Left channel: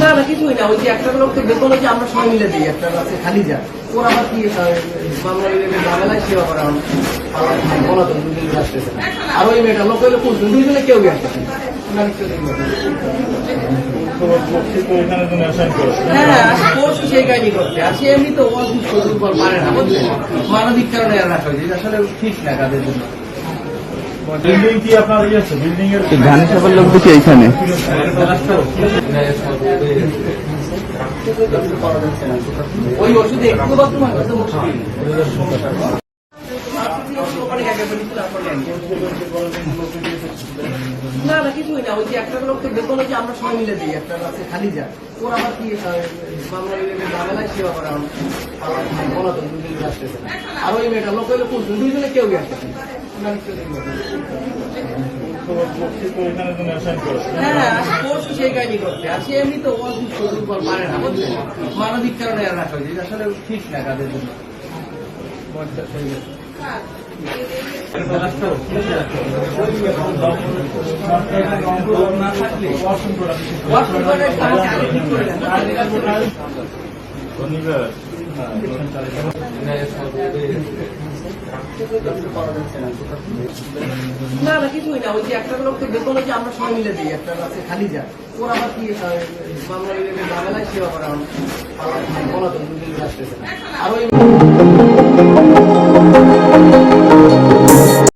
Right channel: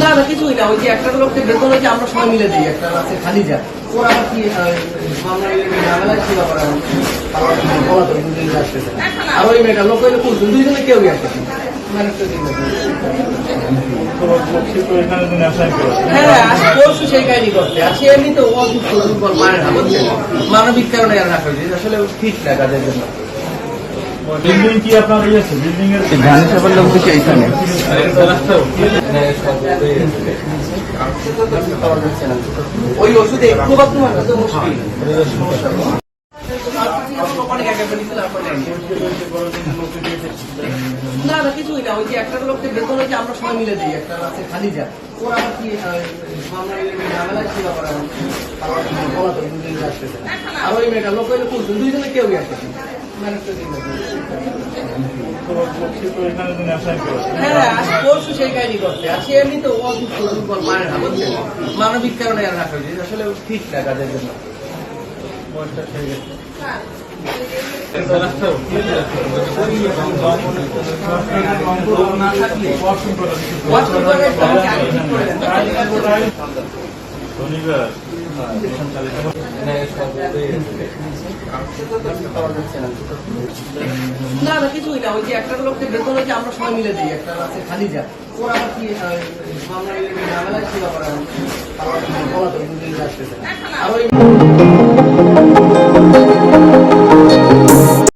না না কিছুই না, ওই যে একটা লোককে বেতন হচ্ছে আমরা সবাই মিলে দিই, একটা আছে খালি যা ওরা আবার কি মামলা ঝামেলায় সেবা করা বলা তো দুদিন আসতেছে আর ওই মেয়েটা লোক হইলে পুষবেন দুইজনে কেউই আসতেছে সেই কাহিনী করছে আর সে এমনি তো অসুস্থ দুর্বল পারে না বুঝছে, মানবিক কারণে রাখা হয়েছে, আসলে ঠিক না কাজের জন্য। বিল্ডিং কি আপনার ইয়েছে বিল্ডিং এর বিধানসভার লোক দেখি এইখানে ওই ওষুধে একটু বাথরুম মুশকিল না না কিছুই না, ওই যে একটা লোককে বেতন হচ্ছে আমরা সবাই মিলে দিই, একটা আছে খালি যা ওরা আবার কি মামলা ঝামেলায় সেবা করা বলা তো দুদিন আসতেছে আর ওই মেয়েটা লোক হইলে পুষবেন দুইজনে কেউই আসতেছে সেই কাহিনী করছে আর সে এমনি তো অসুস্থ দুর্বল পারে না বুঝছে, মানবিক কারণে রাখা হয়েছে, আসলে ঠিক না কাজের জন্য। না না কিছুই না, ওই যে একটা লোককে বেতন হচ্ছে আমরা সবাই মিলে দিই, একটা আছে খালি যা ওরা আবার কি মামলা ঝামেলায় সেবা করা বলা তো দুদিন আসতেছে আর ওই